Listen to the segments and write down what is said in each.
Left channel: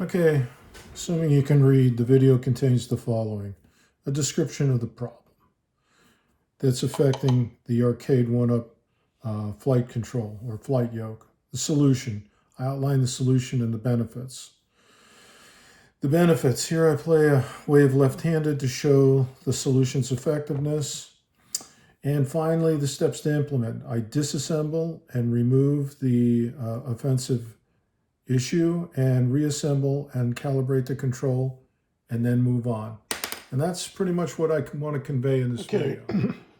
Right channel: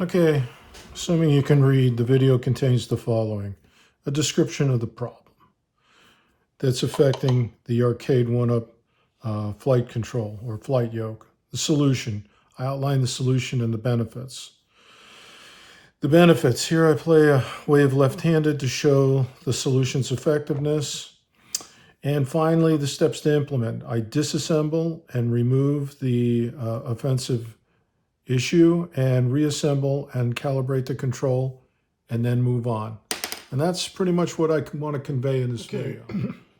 Okay, assuming you can read, the video contains the following: a description of the problem that's affecting the arcade one-up flight control or flight yoke. The solution. I outline the solution and the benefits. The benefits. Here I play a wave left-handed to show the solution's effectiveness. And finally, the steps to implement. I disassemble and remove the offensive issue and reassemble and calibrate the control and then move on. And that's pretty much what I want to convey in this video.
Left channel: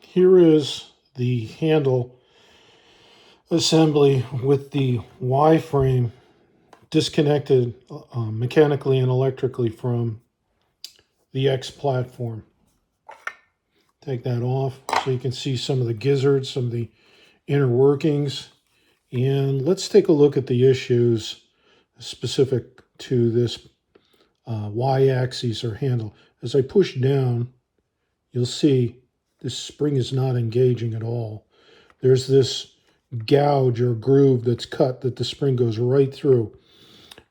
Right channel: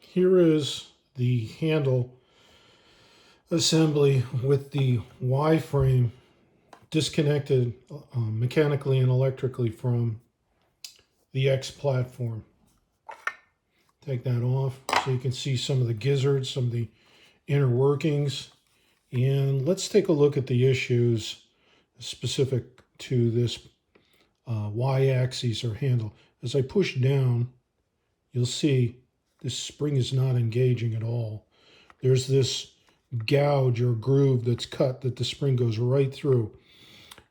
Here is the handle assembly with the Y frame disconnected mechanically and electrically from the X platform. Take that off so you can see some of the gizzards, some of the inner workings. And let's take a look at the issues specific to this Y-axis or handle. As I push down, you'll see this spring is not engaging at all. There's this gouge or groove that's cut that the spring goes right through.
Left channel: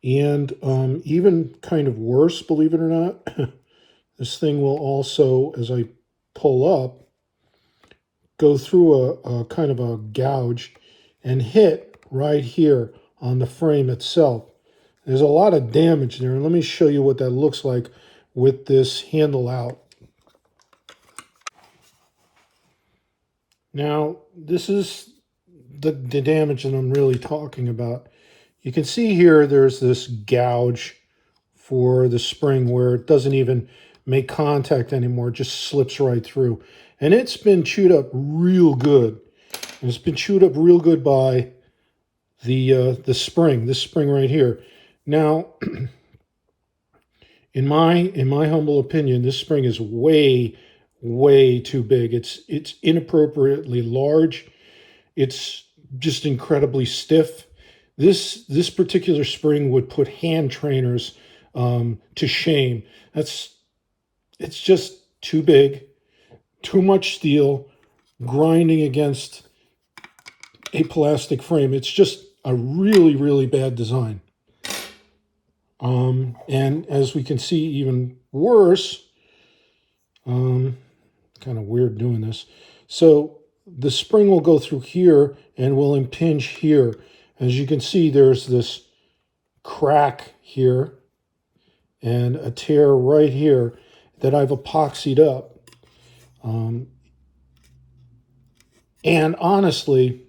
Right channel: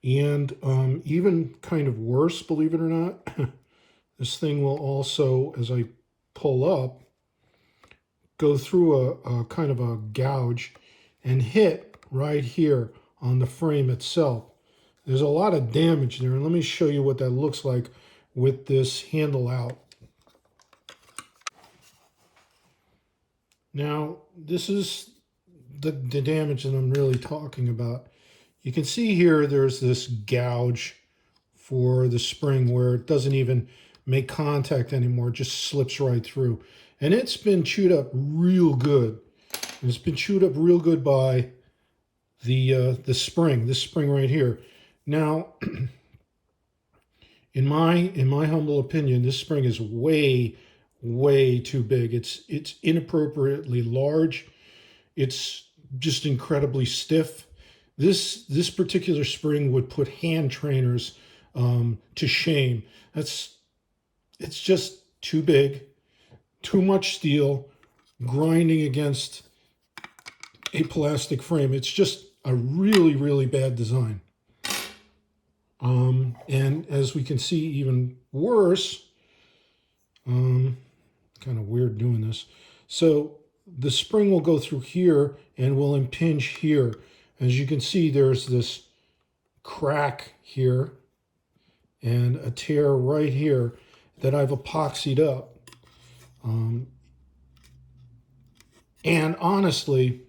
And even kind of worse, believe it or not, this thing will also, as I pull up, go through a kind of a gouge and hit right here on the frame itself. There's a lot of damage there, and let me show you what that looks like with this handle out. Now, this is the damage that I'm really talking about. You can see here there's this gouge for the spring where it doesn't even make contact anymore, it just slips right through. And it's been chewed up real good. And it's been chewed up real good by the spring, this spring right here. Now, in my humble opinion, this spring is way too big. It's inappropriately large. It's just incredibly stiff. This particular spring would put hand trainers to shame. It's just too big, too much steel, grinding against a plastic frame. It's just a really bad design. And as we can see, even worse, kind of weird doing this. So the spring will go through here and will impinge here. As you can see, there's this crack here and a tear right here that I've epoxied up. And honestly,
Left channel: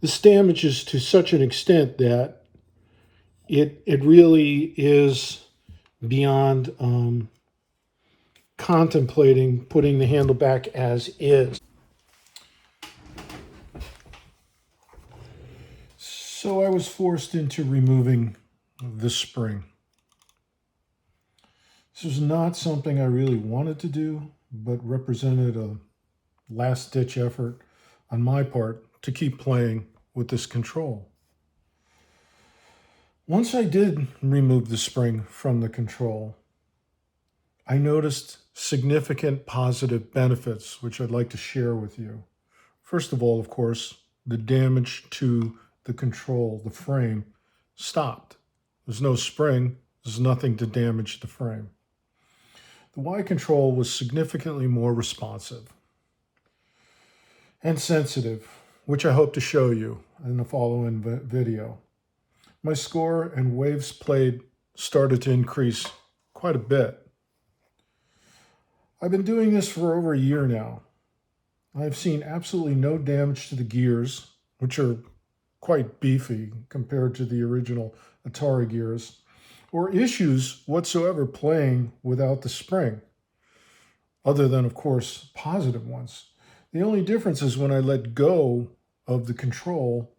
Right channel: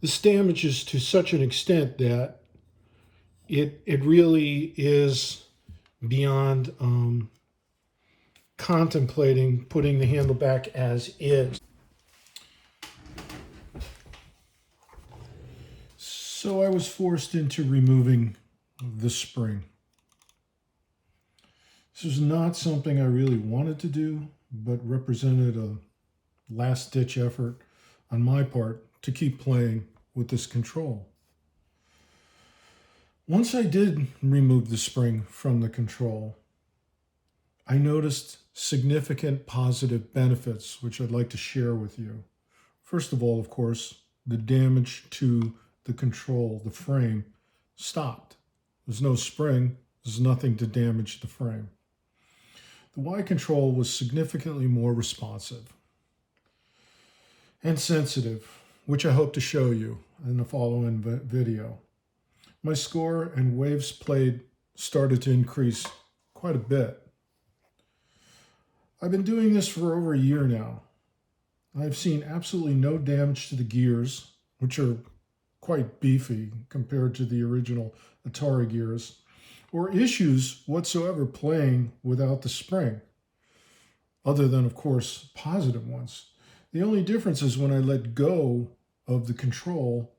this damages to such an extent that it really is beyond contemplating putting the handle back as is. So I was forced into removing the spring. This was not something I really wanted to do, but represented a last-ditch effort on my part to keep playing with this control. Once I did remove the spring from the control, I noticed significant positive benefits, which I'd like to share with you. First of all, of course, the damage to the control, the frame, stopped. There's no spring, there's nothing to damage the frame. The Y control was significantly more responsive and sensitive, which I hope to show you in the following video. My score and waves played started to increase quite a bit. I've been doing this for over a year now. I've seen absolutely no damage to the gears, which are quite beefy compared to the original Atari gears, or issues whatsoever playing without the spring, other than, of course, positive ones. The only difference is when I let go of the control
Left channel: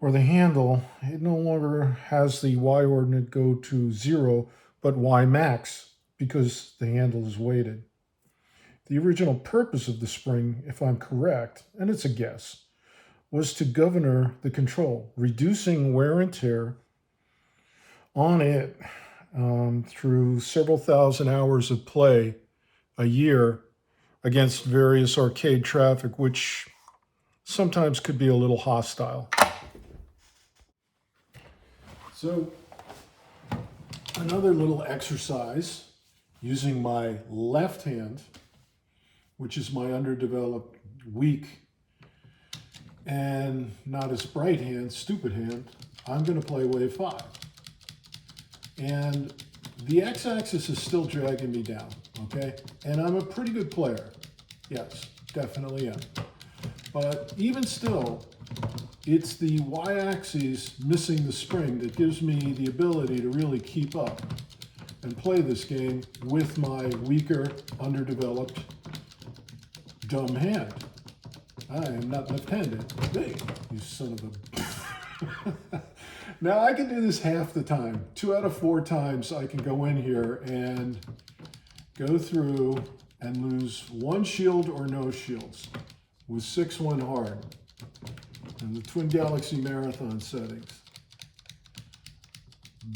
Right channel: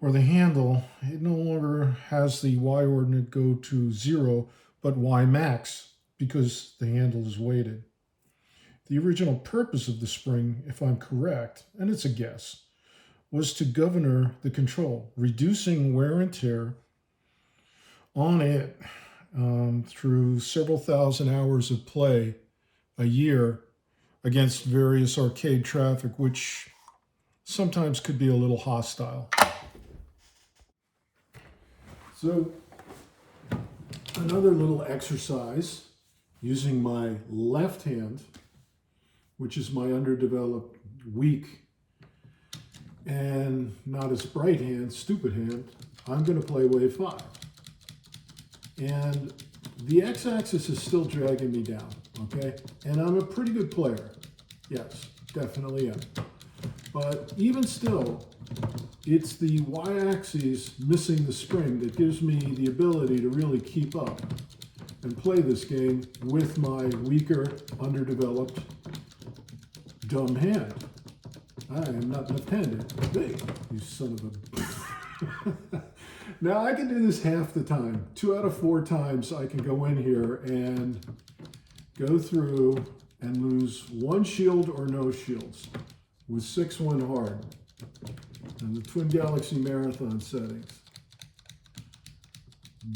or the handle, it no longer has the Y ordinate go to 0, but Y max, because the handle is weighted. The original purpose of the spring, if I'm correct, and it's a guess, was to govern the control, reducing wear and tear on it through several thousand hours of play a year against various arcade traffic, which sometimes could be a little hostile. So another little exercise using my left hand, which is my underdeveloped, weak, and not as bright hand, stupid hand. I'm going to play wave 5. And the x-axis is still dragging me down, okay? And I'm a pretty good player. Yes, definitely am. But even still, it's the y-axis missing the spring that gives me the ability to really keep up and play this game with my weaker, underdeveloped, dumb hand. I am not left-handed. Hey, you son of a... Now, I can do this half the time. 2 out of 4 times I can go in here and go through and lose 1 shield or no shields with 6-1 hard and the Twin Galaxy Marathon settings.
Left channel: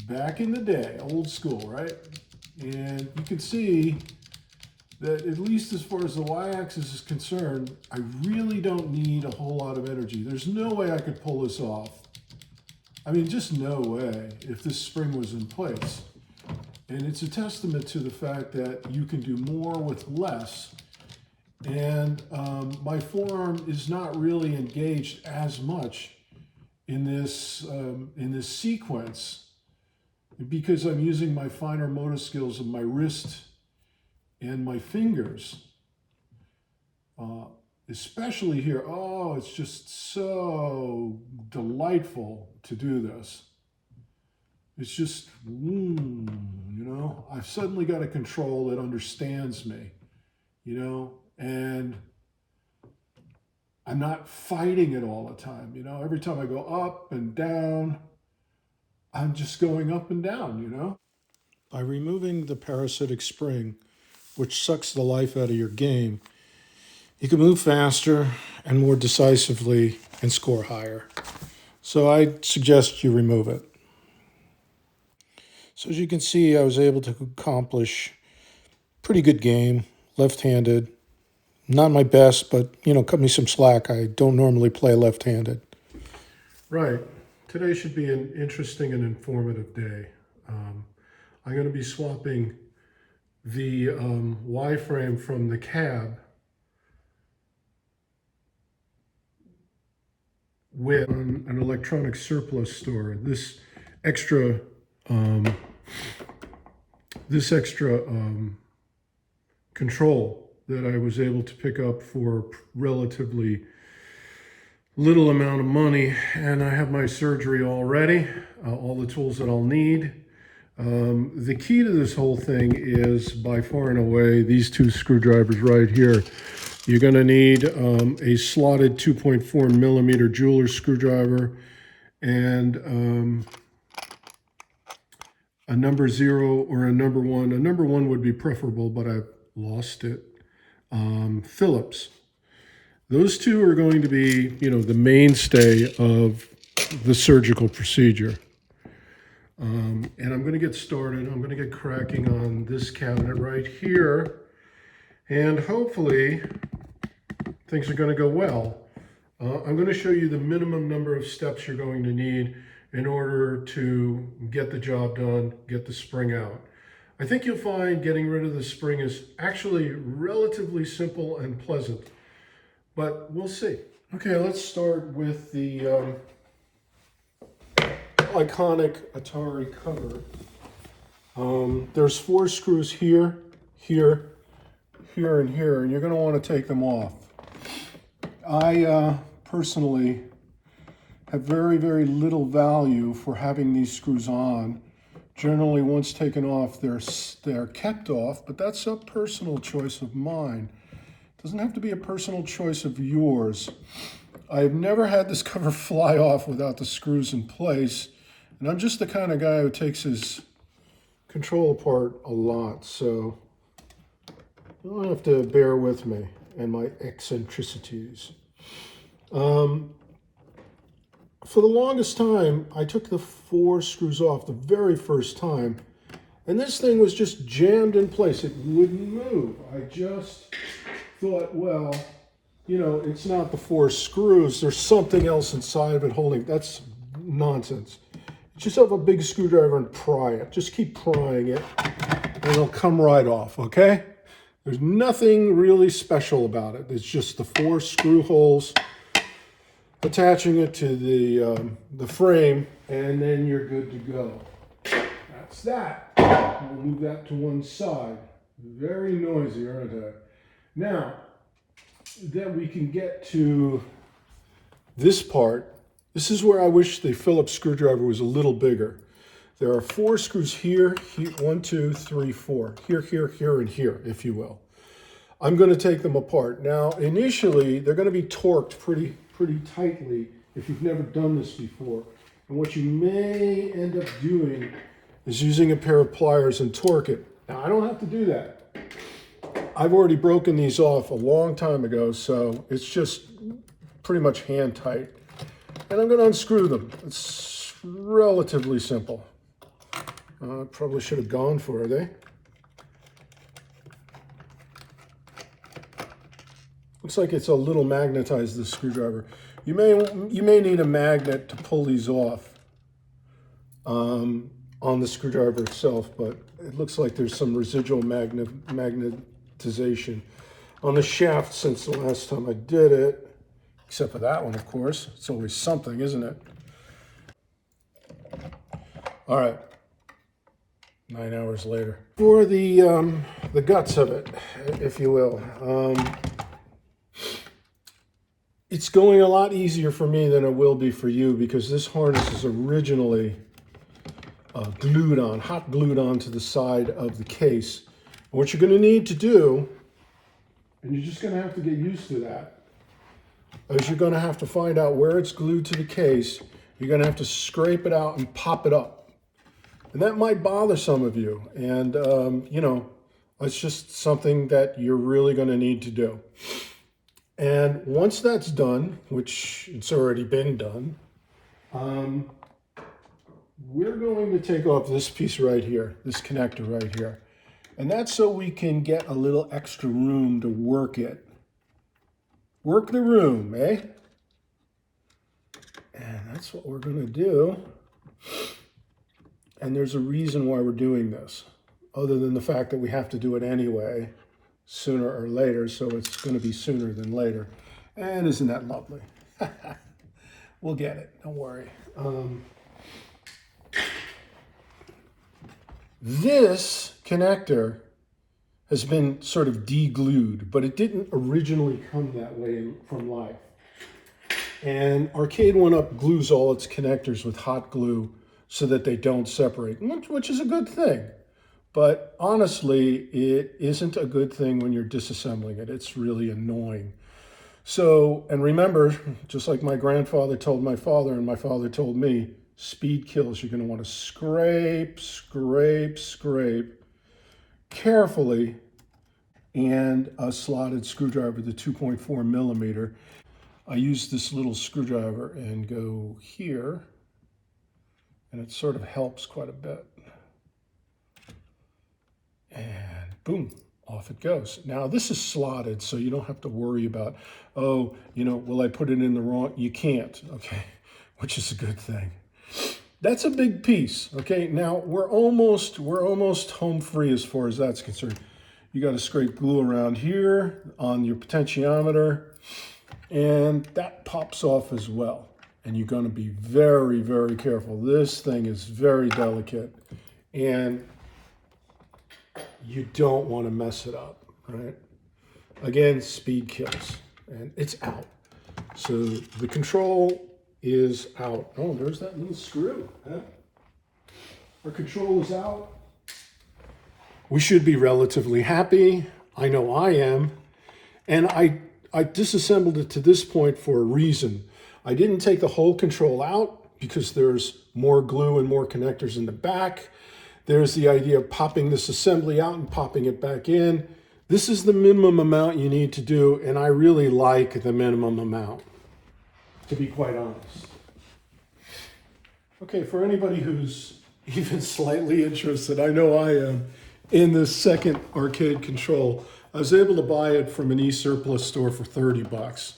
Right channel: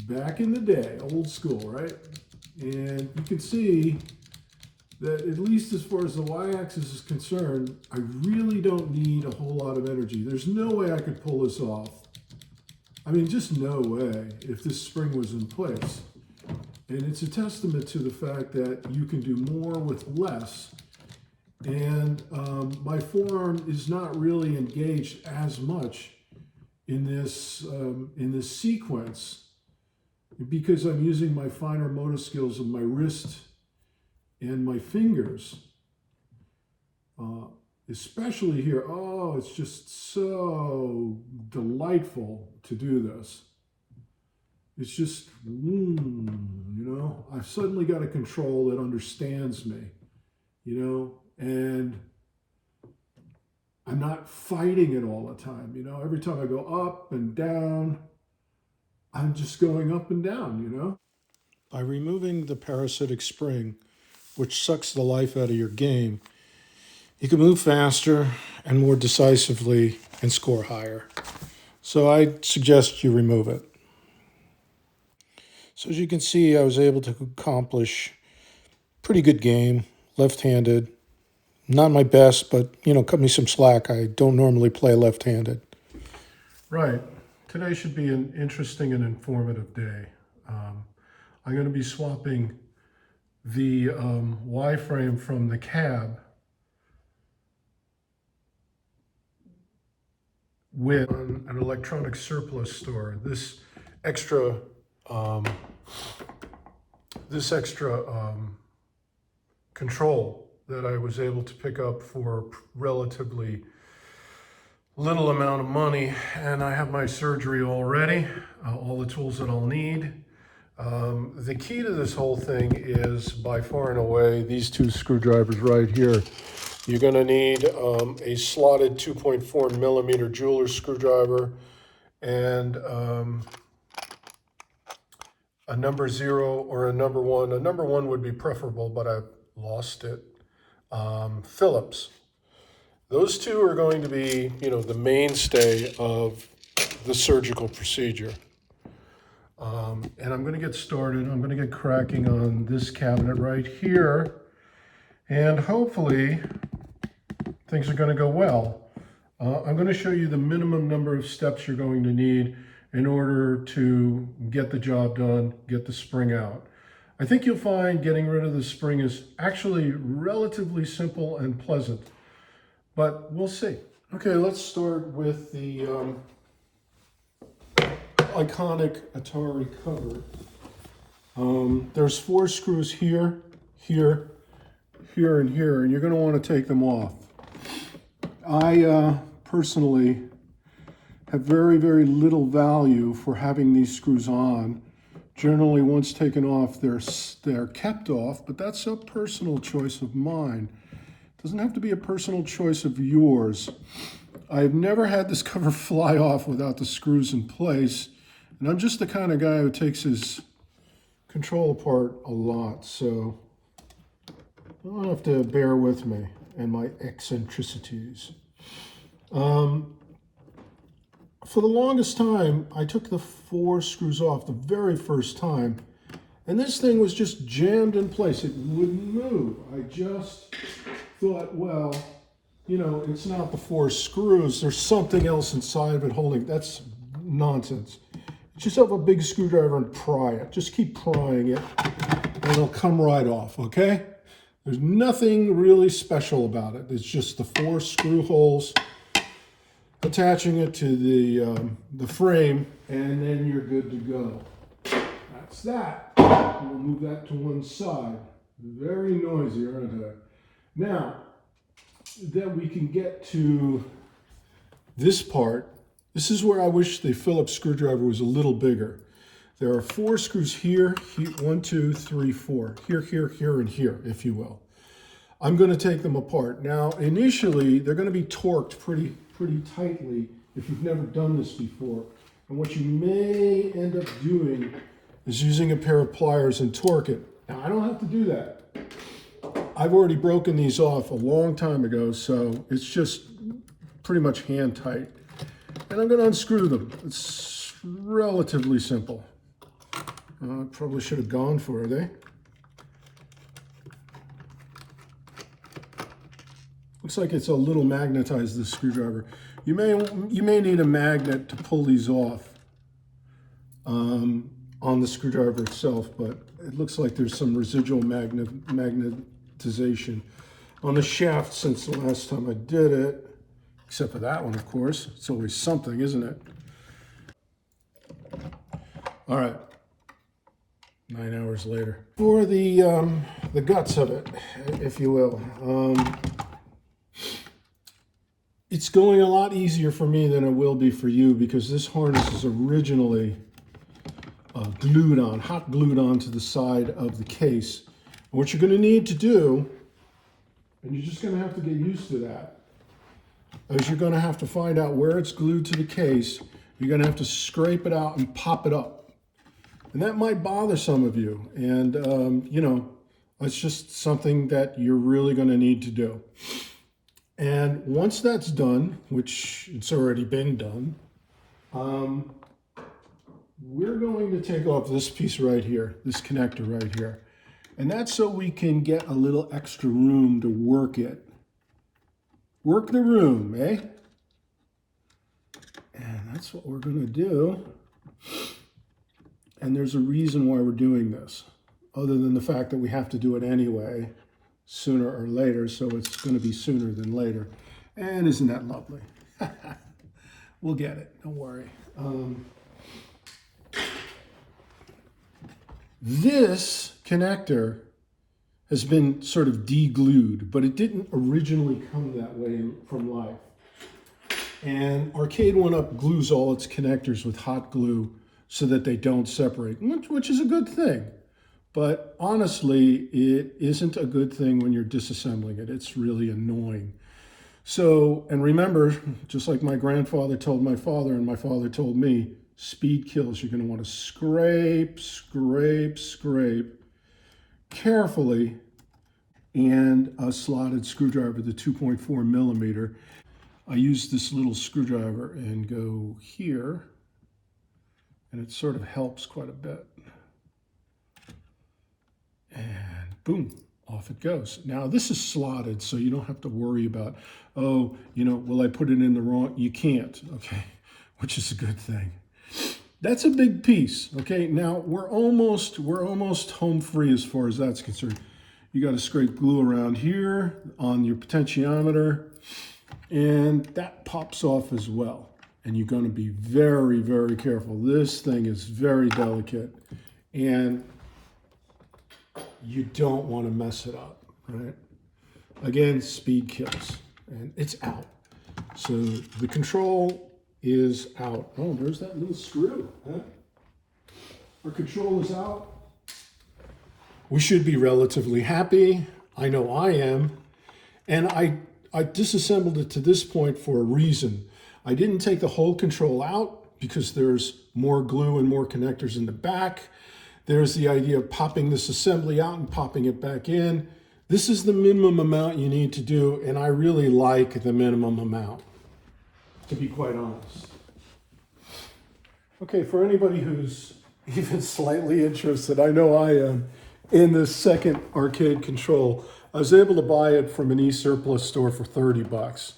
Back in the day, old school, right? And you can see that at least as far as the y-axis is concerned, I really don't need a whole lot of energy. There's no way I could pull this off. I mean, just no way if this spring was in place. And it's a testament to the fact that you can do more with less. And my forearm is not really engaged as much in this sequence because I'm using my finer motor skills of my wrist and my fingers. Especially here, oh, it's just so delightful to do this. It's just, you know, I've suddenly got a control that understands me, you know, and I'm not fighting it all the time, you know. Every time I go up and down, I'm just going up and down, you know. By removing the parasitic spring, which sucks the life out of your game, you can move faster and more decisively and score higher. So I suggest you remove it. So as you can see, I was able to accomplish a pretty good game, left-handed. Not my best, but, you know, cut me some slack. I don't normally play left-handed. Right. Today should be an interesting and informative day. I'm going to be swapping the Y-frame from the cab with an electronic surplus store. This extra control that I was able to pick up for relatively little amount of money, and I have my surgery all ready, all the tools that I'll need. The key to this whole thing is by far and away these 2 screwdrivers right here. You're going to need a slotted 2.4 millimeter jeweler screwdriver and a number 0 or a number 1. A number 1 would be preferable, but I've lost it. Phillips. Those 2 are going to be, you know, the mainstay of the surgical procedure. And I'm going to get started. I'm going to get cracking on this cabinet right here. And hopefully things are going to go well. I'm going to show you the minimum number of steps you're going to need in order to get the job done, get the spring out. I think you'll find getting rid of the spring is actually relatively simple and pleasant, but we'll see. Okay, let's start with the iconic Atari cover. There's 4 screws here, here, here, and here, and you're going to want to take them off. I personally have very, very little value for having these screws on. Generally, once taken off, they're kept off, but that's a personal choice of mine. It doesn't have to be a personal choice of yours. I've never had this cover fly off without the screws in place, and I'm just the kind of guy who takes his control apart a lot, so you'll have to bear with me and my eccentricities. For the longest time, I took the 4 screws off the very first time, and this thing was just jammed in place. It wouldn't move. I just thought, well, you know, it's not the 4 screws. There's something else inside of it holding. That's nonsense. It Get yourself a big screwdriver and pry it. Just keep prying it and it'll come right off, okay? There's nothing really special about it. It's just the 4 screw holes attaching it to the frame, and then you're good to go. That's that. We'll move that to one side. Very noisy, aren't I? Now, then we can get to this part. This is where I wish the Phillips screwdriver was a little bigger. There are 4 screws here, 1, 2, 3, 4. Here, here, here, and here, if you will. I'm going to take them apart. Now, initially, they're going to be torqued pretty tightly if you've never done this before. And what you may end up doing is using a pair of pliers and torque it. Now, I don't have to do that. I've already broken these off a long time ago, so it's just pretty much hand tight. And I'm going to unscrew them. It's relatively simple. Probably should have gone for it, eh? Looks like it's a little magnetized, this screwdriver. You may need a magnet to pull these off on the screwdriver itself, but it looks like there's some residual magnetization on the shaft since the last time I did it. Except for that one, of course. It's always something, isn't it? All right. 9 hours later. For the guts of it, if you will. It's going a lot easier for me than it will be for you because this harness is originally hot glued on to the side of the case. And what you're going to need to do, and you're just going to have to get used to that, is you're going to have to find out where it's glued to the case. You're going to have to scrape it out and pop it up. And that might bother some of you. And, you know, it's just something that you're really going to need to do. And once that's done, which it's already been done, we're going to take off this piece right here, this connector right here. And that's so we can get a little extra room to work it. Work the room, eh? And that's what we're going to do. And there's a reason why we're doing this, other than the fact that we have to do it anyway, sooner or later, so it's going to be sooner than later. And isn't that lovely? We'll get it, don't worry. This connector has been sort of de-glued, but it didn't originally come that way from life. And Arcade 1-Up glues all its connectors with hot glue so that they don't separate, which is a good thing. But honestly, it isn't a good thing when you're disassembling it. It's really annoying. So, and remember, just like my grandfather told my father and my father told me, speed kills. You're going to want to scrape, scrape, scrape carefully, and a slotted screwdriver, the 2.4 millimeter. I use this little screwdriver and go here, and it sort of helps quite a bit. And boom, off it goes. Now this is slotted, so you don't have to worry about, oh, you know, will I put it in the wrong? You can't, okay, which is a good thing. That's a big piece, okay? Now we're almost home free as far as that's concerned. You got to scrape glue around here on your potentiometer, and that pops off as well. And you're going to be very, very careful. This thing is very delicate, and you don't want to mess it up, right? Again, speed kills, and it's out. So the control is out. Oh, there's that little screw, huh? Our control is out. We should be relatively happy. I know I am. And I disassembled it to this point for a reason. I didn't take the whole control out because there's more glue and more connectors in the back. There's the idea of popping this assembly out and popping it back in. This is the minimum amount you need to do, and I really like the minimum amount, to be quite honest. Okay, for anybody who's even slightly interested, I know I am, in this second arcade control, I was able to buy it from an e-surplus store for 30 bucks.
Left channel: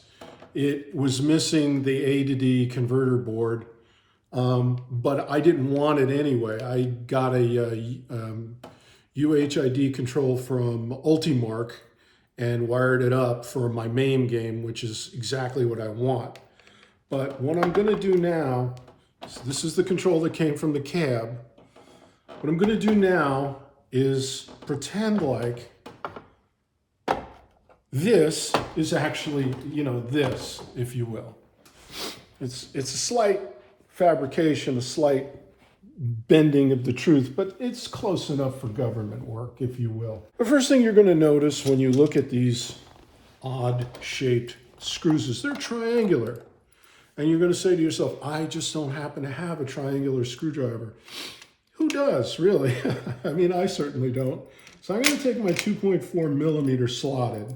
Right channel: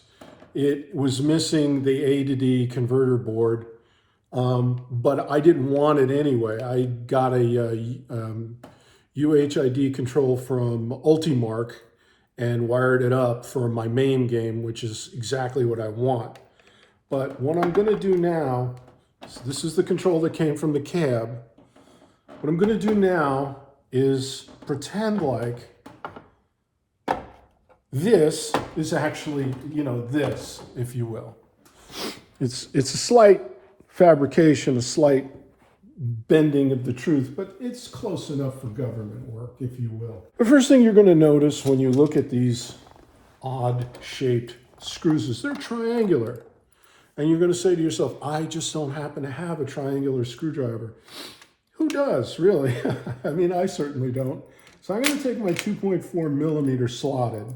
It was missing the A to D converter board, but I didn't want it anyway. I got a UHID control from Ultimark and wired it up for my main game, which is exactly what I want. But what I'm going to do now, so this is the control that came from the cab. What I'm going to do now is pretend like this is actually, you know, this, if you will. It's a slight fabrication, a slight bending of the truth, but it's close enough for government work, if you will. The first thing you're going to notice when you look at these odd shaped screws is they're triangular. And you're going to say to yourself, I just don't happen to have a triangular screwdriver. Who does, really? I mean, I certainly don't. So I'm going to take my 2.4 millimeter slotted,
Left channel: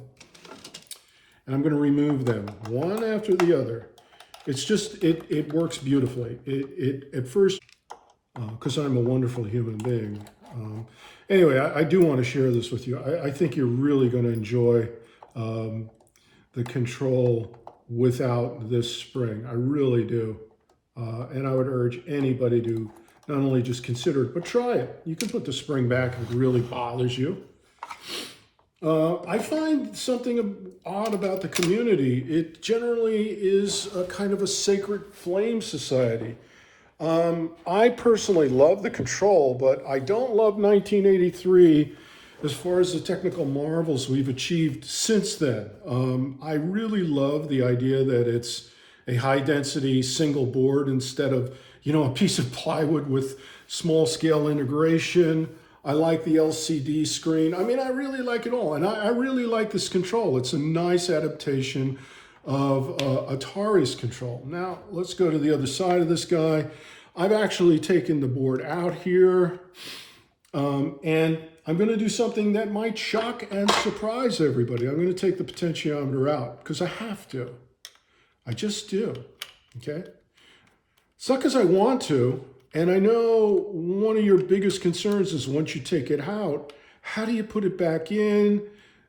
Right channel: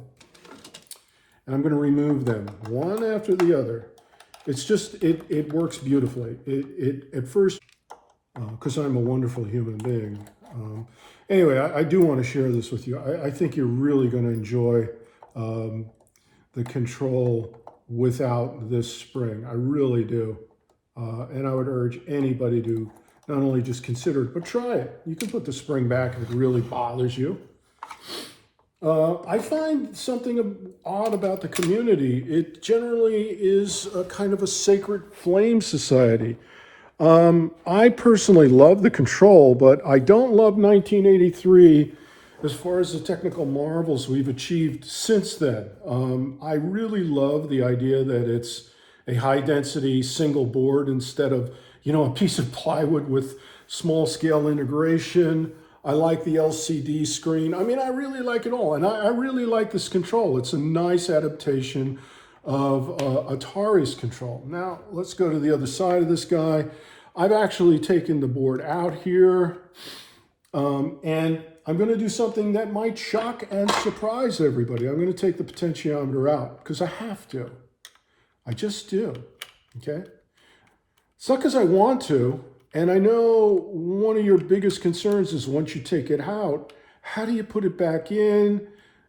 and I'm going to remove them one after the other. It's just, it works beautifully. At first, because I'm a wonderful human being. Anyway, I do want to share this with you. I think you're really going to enjoy the control without this spring. I really do. And I would urge anybody to not only just consider it, but try it. You can put the spring back if it really bothers you. I find something odd about the community. It generally is a kind of a sacred flame society. I personally love the control, but I don't love 1983 as far as the technical marvels we've achieved since then. I really love the idea that it's a high density single board instead of, you know, a piece of plywood with small scale integration. I like the LCD screen. I mean, I really like it all. And I really like this control. It's a nice adaptation of Atari's control. Now, let's go to the other side of this guy. I've actually taken the board out here, and I'm going to do something that might shock and surprise everybody. I'm going to take the potentiometer out because I have to. I just do, okay? It's not because I want to, and I know one of your biggest concerns is once you take it out, how do you put it back in?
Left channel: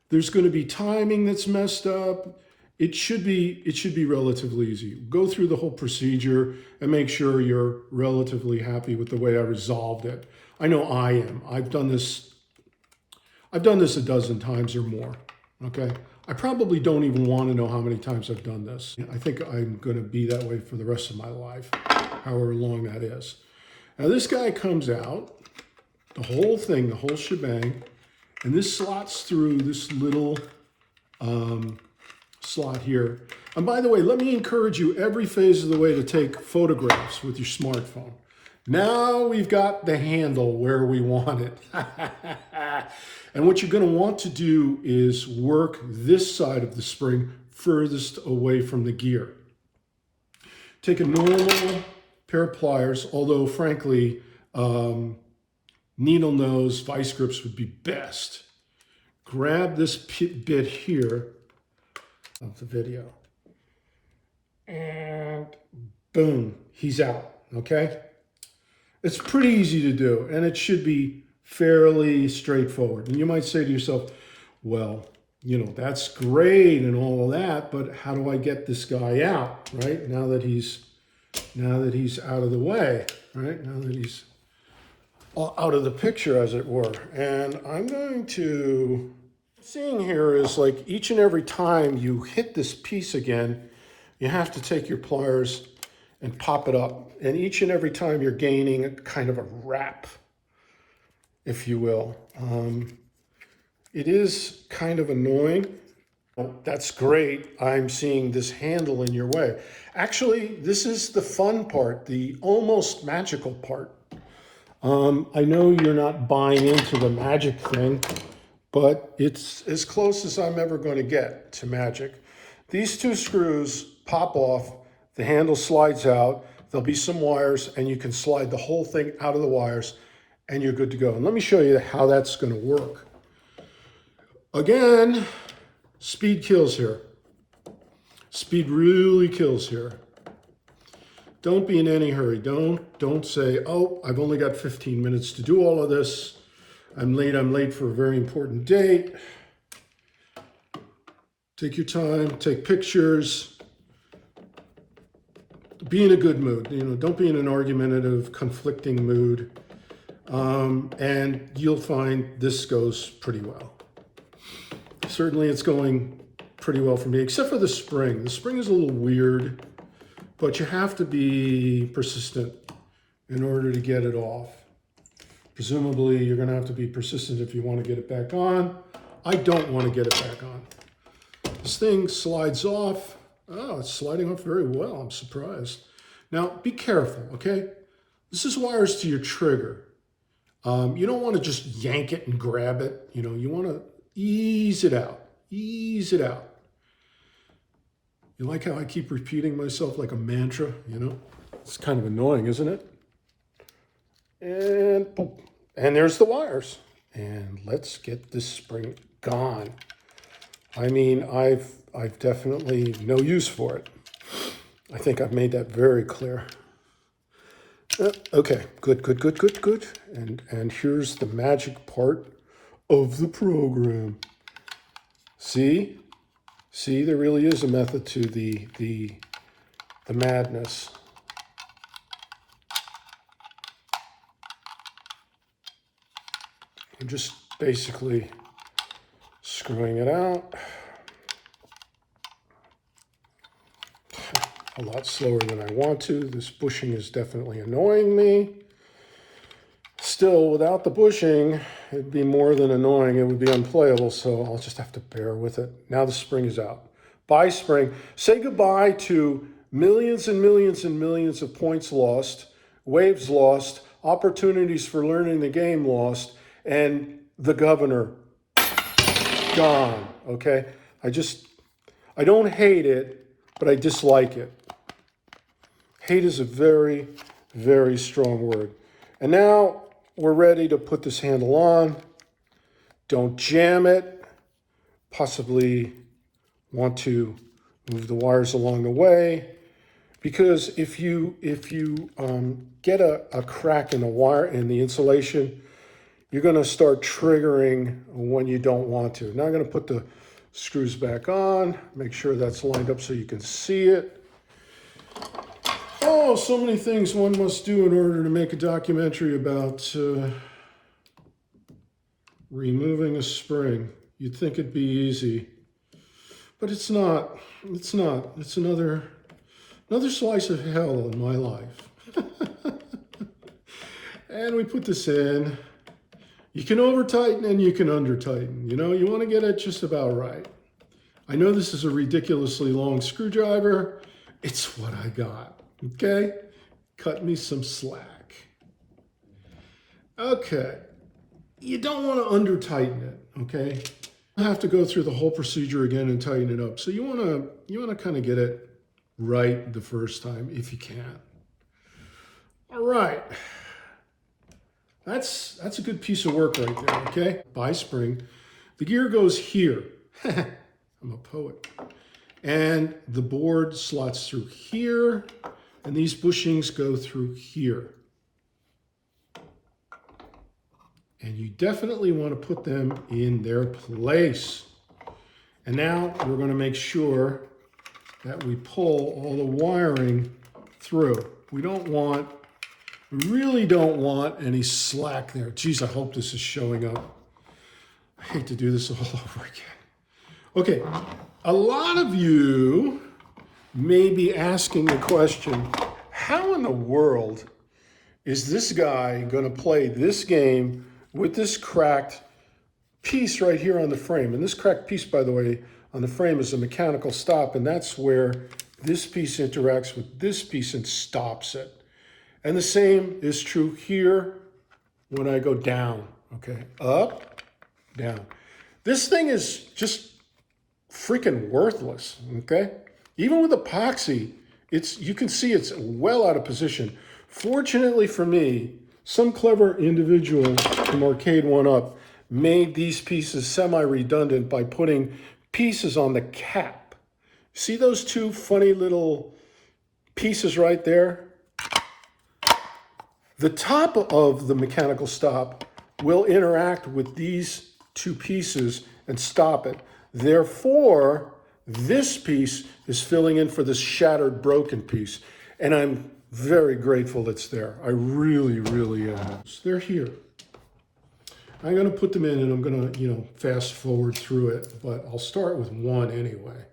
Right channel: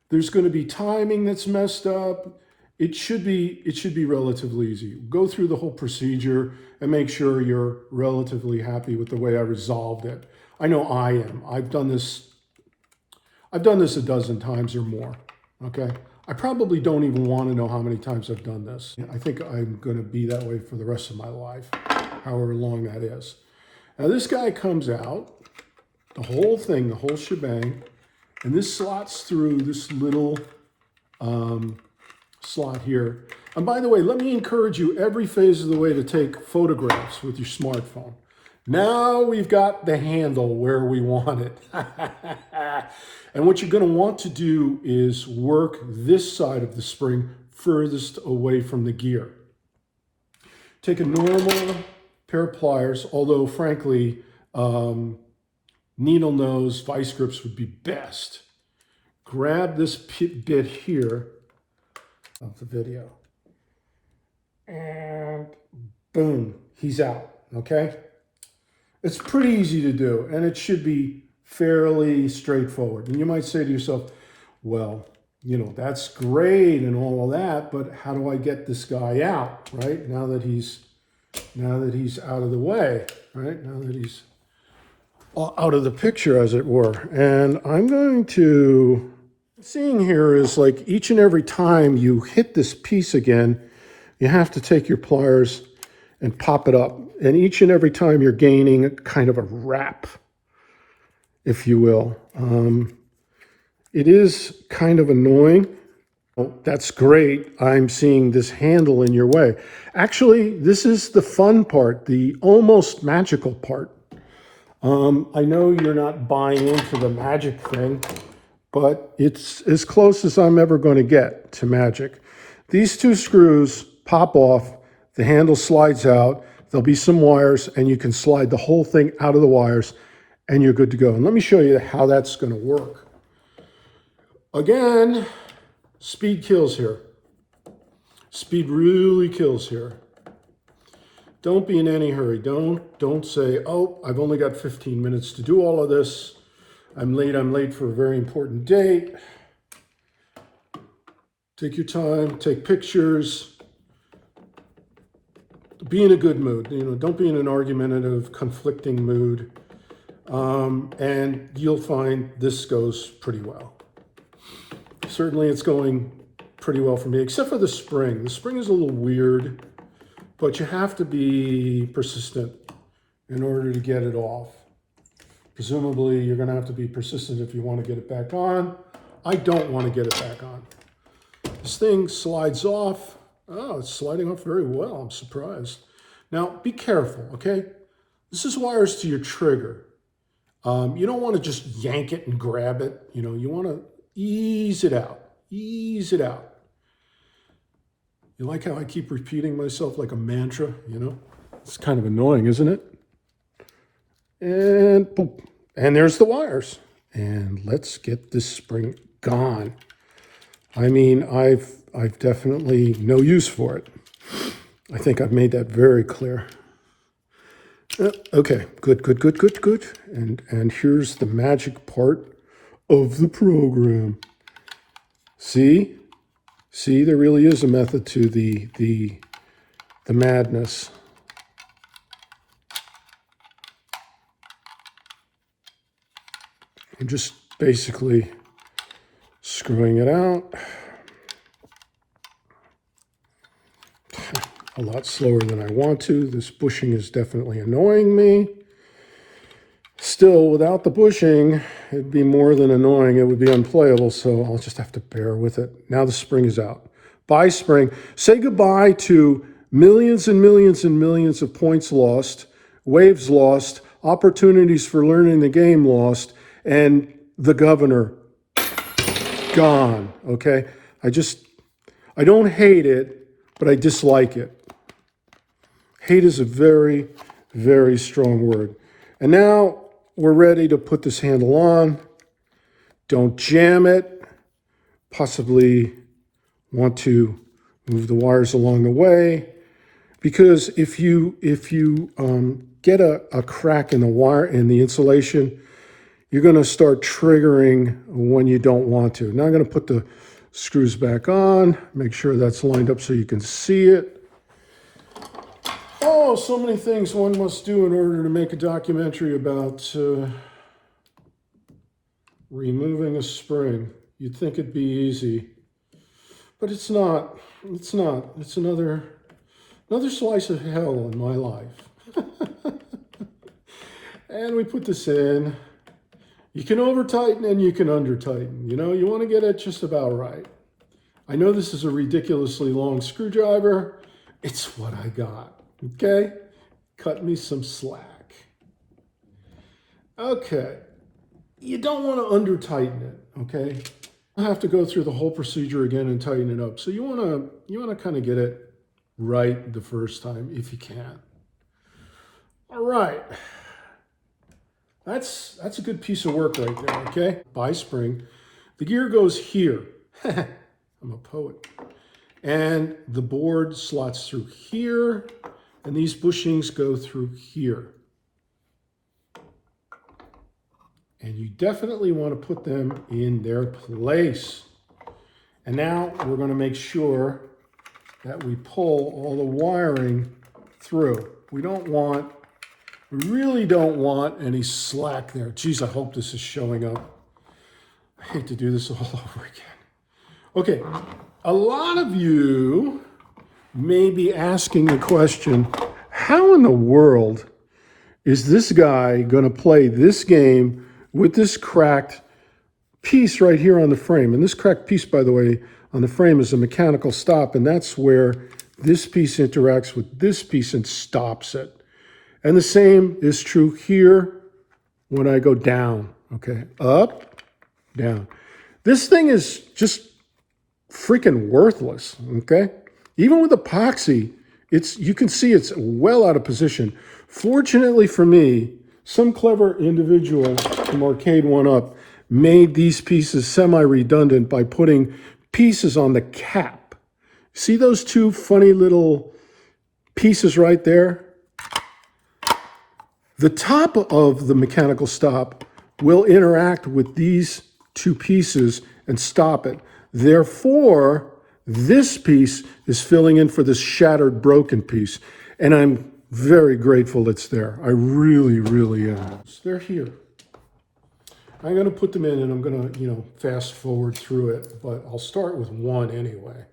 There's going to be timing that's messed up. It should be relatively easy. Go through the whole procedure and make sure you're relatively happy with the way I resolved it. I know I am. I've done this a dozen times or more, okay? I probably don't even want to know how many times I've done this. I think I'm going to be that way for the rest of my life, however long that is. Now this guy comes out, the whole thing, the whole shebang, and this slots through this little slot here. And by the way, let me encourage you every phase of the way to take photographs with your smartphone. Now we've got the handle where we want it. And what you're going to want to do is work this side of the spring furthest away from the gear. Take a normal pair of pliers, although frankly, needle nose vice grips would be best. Grab this bit here of the video, and boom, he's out, okay? It's pretty easy to do, and it should be fairly straightforward. And you might say to yourself, well, you know, that's great and all of that, but how do I get this guy out, right? Now that he's out of the way, right? Now that he's out of the picture, as it were. And I'm going to, seeing here is like each and every time you hit this piece again, you have to take your pliers and pop it up. And each and every time you're gaining kind of a wrap, if you will. It is kind of annoying. That's great. I'm seeing this handle in your way. Actually, this is the fun part, the almost magical part. I know you're not buying into the magic thing, but it's as close as I'm ever going to get to magic. These two screws pop off, the handle slides out, there'll be some wires, and you can slide the whole thing out of the wires, and you're good to go. And let me show you how that's going to work. Again, speed kills here. Speed really kills here. Don't be in any hurry. Don't say, oh, I've only got 15 minutes to do all of this. I'm late for a very important date. Take your time, take pictures. The be in a good mood. You know, don't be in an argumentative, conflicting mood. And you'll find this goes pretty well. Certainly it's going pretty well for me, except for the spring. The spring is a little weird, but you have to be persistent in order to get it off. Presumably you're going to have to be persistent if you want to get it back on. I don't want to get it back on. This thing slides off. Oh, it's sliding off very well. I'm surprised. Now, be careful, okay? This is wires to your trigger. You don't want to just yank it and grab it. You know, you want to ease it out. Ease it out. You like how I keep repeating myself like a mantra, you know? It's kind of annoying, isn't it? And boom. And there's the wires. And let's get this spring gone. I mean, I've definitely no use for it. I think I've made that very clear. Okay, good. And here's the magic part of the program. See, there really is a method to the madness. I'm just basically screwing it out. A lot slower than I want to. This bushing is definitely annoying me. Still, without the bushing, it'd be more than annoying. It would be unplayable, so I'll just have to bear with it. Now the spring is out. Bye, spring. Say goodbye to millions and millions and millions of points lost, waves lost, opportunities for learning the game lost, and the governor gone, okay? I don't hate it, but I dislike it. Hate is a very, very strong word. And now we're ready to put this handle on. Don't jam it. Possibly want to move the wires along the way. Because if you get a crack in the wire, in the insulation, you're going to start triggering when you don't want to. Now I'm going to put the screws back on, make sure that's lined up so you can see it. Oh, so many things one must do in order to make a documentary about removing a spring. You'd think it'd be easy, but it's not. It's not. It's another slice of hell in my life. And we put this in. You can over-tighten and you can under-tighten. You know, you want to get it just about right. I know this is a ridiculously long screwdriver. It's what I got. Okay, cut me some slack. Okay, you don't want to under-tighten it, okay? You have to go through the whole procedure again and tighten it up. So you want to kind of get it right the first time if you can. All right, that's a good piece of work right there, okay? Bye, spring. The gear goes here. I'm a poet. And the board slots through here. And these bushings go through here. And you definitely want to put them in their place. And now we're going to make sure that we pull all the wiring through. We really don't want any slack there. Geez, I hope this is showing up. I hate to do this all over again. Okay, a lot of you may be asking the question, how in the world is this guy going to play this game with this cracked piece right here on the frame? And this cracked piece, by the way, on the frame is a mechanical stop, and that's where this piece interacts with this piece and stops it. And the same is true here when I go down, okay? Up, down. This thing is just freaking worthless, okay? Even with epoxy, you can see it's well out of position. Fortunately for me, some clever individual from Arcade 1-Up made these pieces semi-redundant by putting pieces on the cap. See those two funny little pieces right there? The top of the mechanical stop will interact with these two pieces and stop it. Therefore, this piece is filling in for this shattered, broken piece. And I'm very grateful it's there. I really, really am. So they're here. I'm going to put them in and I'm going to, fast forward through it, but I'll start with one anyway.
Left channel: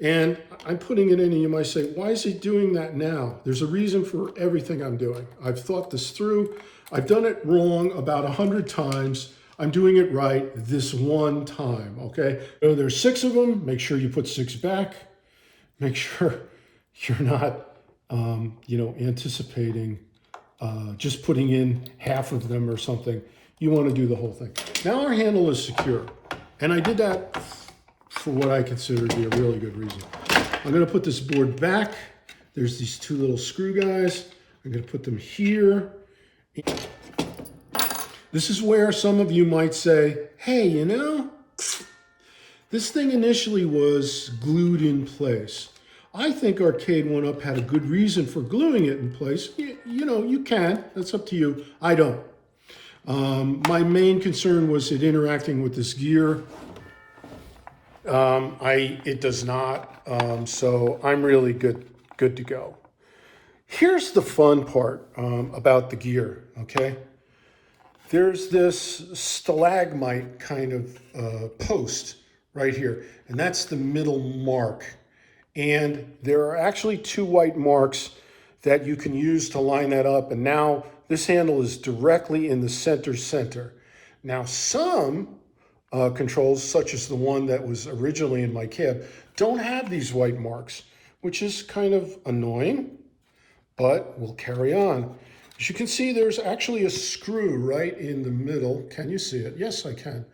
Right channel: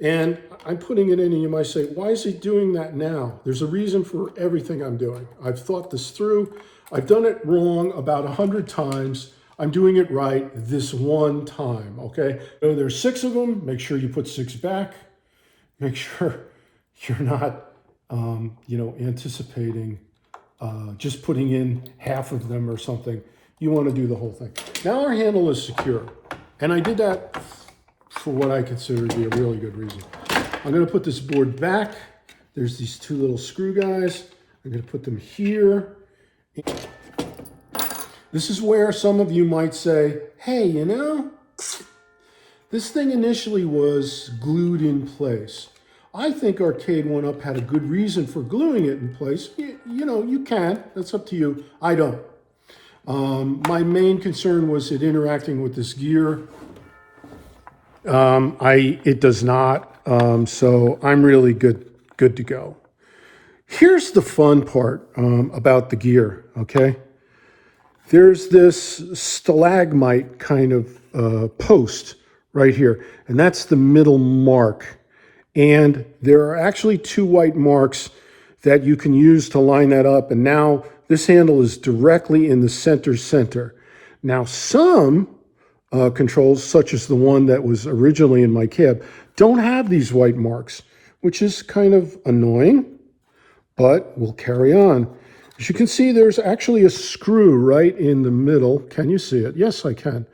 And I'm putting it in and you might say, why is he doing that now? There's a reason for everything I'm doing. I've thought this through. I've done it wrong about 100 times. I'm doing it right this one time, okay? So there's 6 of them. Make sure you put 6 back. Make sure you're not, anticipating just putting in half of them or something. You want to do the whole thing. Now our handle is secure. And I did that for what I consider to be a really good reason. I'm going to put this board back. There's these 2 little screw guys. I'm going to put them here. This is where some of you might say, hey, this thing initially was glued in place. I think Arcade 1-Up had a good reason for gluing it in place. You can. That's up to you. I don't. My main concern was it interacting with this gear. It does not. So I'm really good to go. Here's the fun part about the gear, okay? There's this stalagmite kind of post right here, and that's the middle mark. And there are actually 2 white marks that you can use to line that up. And now this handle is directly in the center. Now some controls, such as the one that was originally in my cab, don't have these white marks, which is kind of annoying, but we'll carry on. As you can see, there's actually a screw right in the middle. Can you see it? Yes, I can.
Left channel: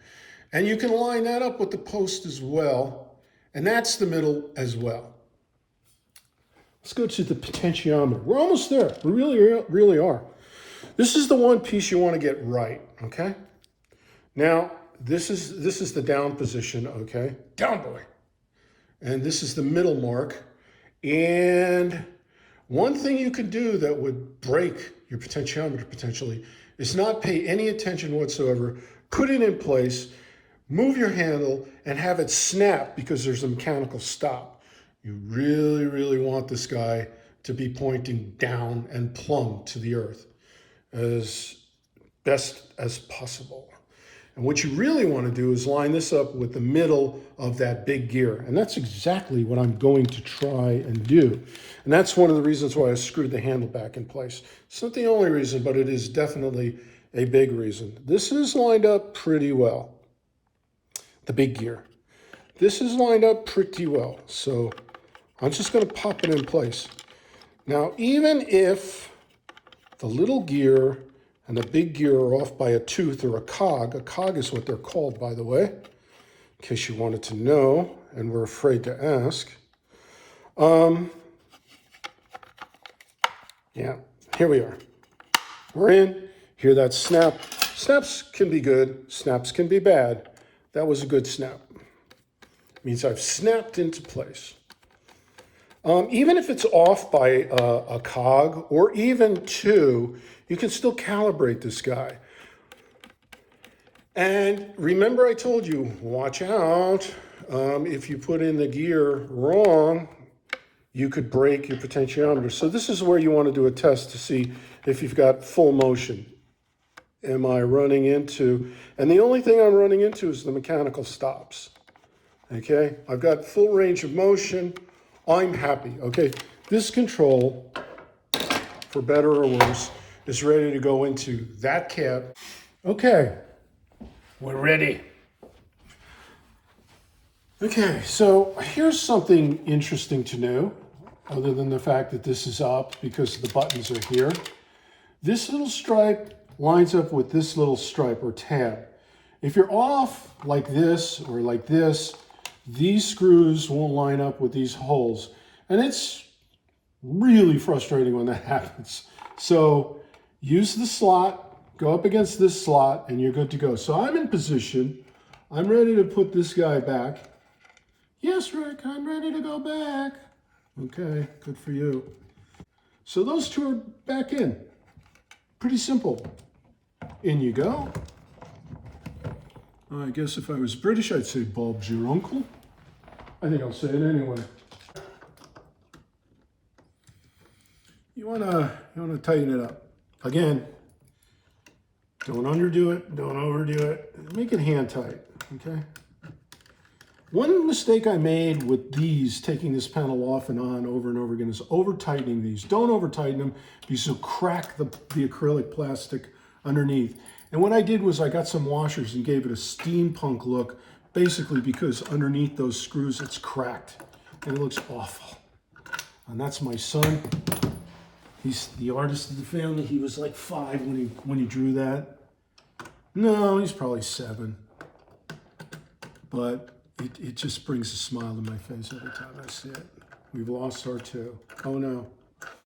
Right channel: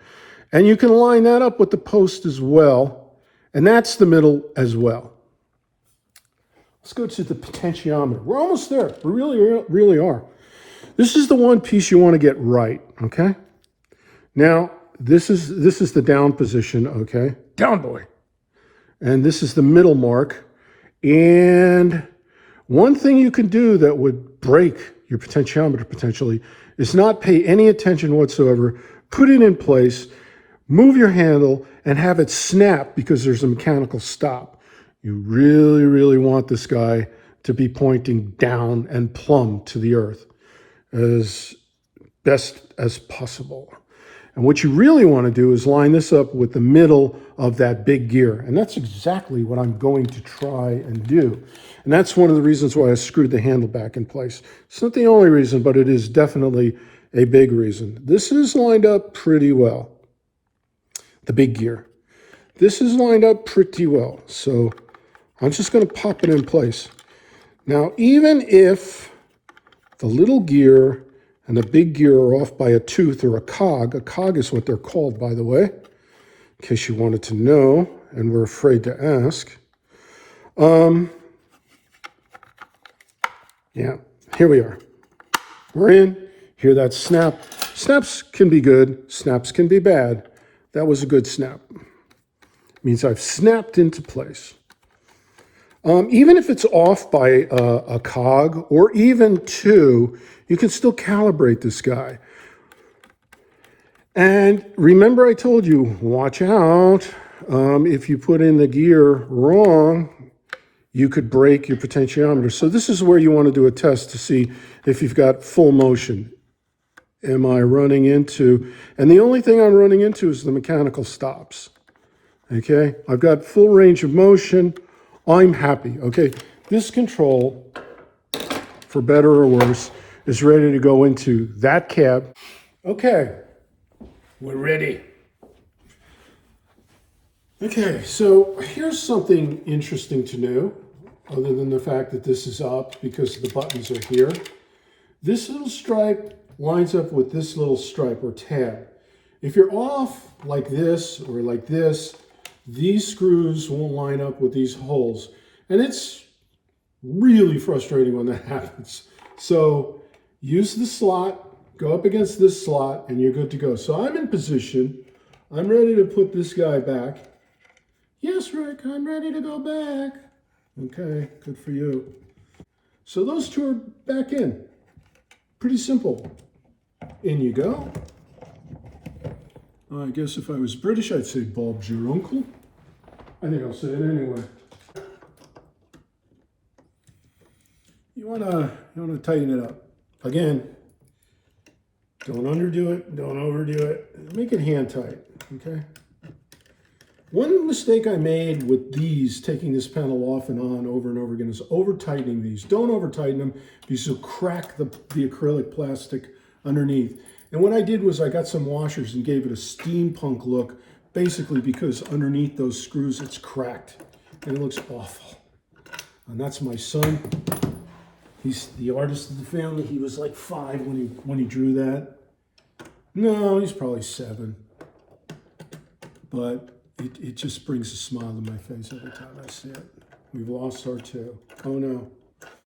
And you can line that up with the post as well. And that's the middle as well. Let's go to the potentiometer. We're almost there. We really are. This is the one piece you want to get right, okay? Now, this is the down position, okay? Down, boy. And this is the middle mark. And one thing you can do that would break your potentiometer potentially is not pay any attention whatsoever, put it in place, move your handle, and have it snap because there's a mechanical stop. You really, really want this guy to be pointing down and plumb to the earth as best as possible. And what you really want to do is line this up with the middle of that big gear. And that's exactly what I'm going to try and do. And that's one of the reasons why I screwed the handle back in place. It's not the only reason, but it is definitely a big reason. This is lined up pretty well. The big gear. This is lined up pretty well. So I'm just going to pop it in place. Now, even if the little gear and the big gear are off by a tooth or a cog is what they're called, by the way, in case you wanted to know and were afraid to ask. Yeah, here we are. We're in. Hear that snap? Snaps can be good. Snaps can be bad. That was a good snap. It means I've snapped into place. Even if it's off by a cog or even 2, you can still calibrate this guy. And remember I told you, watch out. If you put in the gear wrong, you could break your potentiometer. So this is where you want to do a test to see if you've got full motion. Am I running into, and the only thing I'm running into is the mechanical stops. Okay, I've got full range of motion. I'm happy. Okay, this control, for better or worse, is ready to go into that cab. Okay, we're ready. Okay, so here's something interesting to know, other than the fact that this is up because the buttons are here. This little stripe lines up with this little stripe or tab. If you're off like this or like this, these screws won't line up with these holes. And it's really frustrating when that happens. So use the slot, go up against this slot, and you're good to go. So I'm in position. I'm ready to put this guy back. Yes, Rick, I'm ready to go back. Okay, good for you. So those 2 are back in. Pretty simple. In you go. I guess if I was British, I'd say Bob's your uncle. I think I'll say it anyway. wanna tighten it up. Again, don't underdo it, don't overdo it. Make it hand tight, okay? One mistake I made with these, taking this panel off and on over and over again, is over tightening these. Don't over tighten them because you'll crack the acrylic plastic underneath. And what I did was I got some washers and gave it a steampunk look, basically because underneath those screws it's cracked and it looks awful. And that's my son. He's the artist of the family. He was like 5 when he drew that. No, he's probably 7. But it just brings a smile to my face every time I see it. We've lost our 2. Oh no.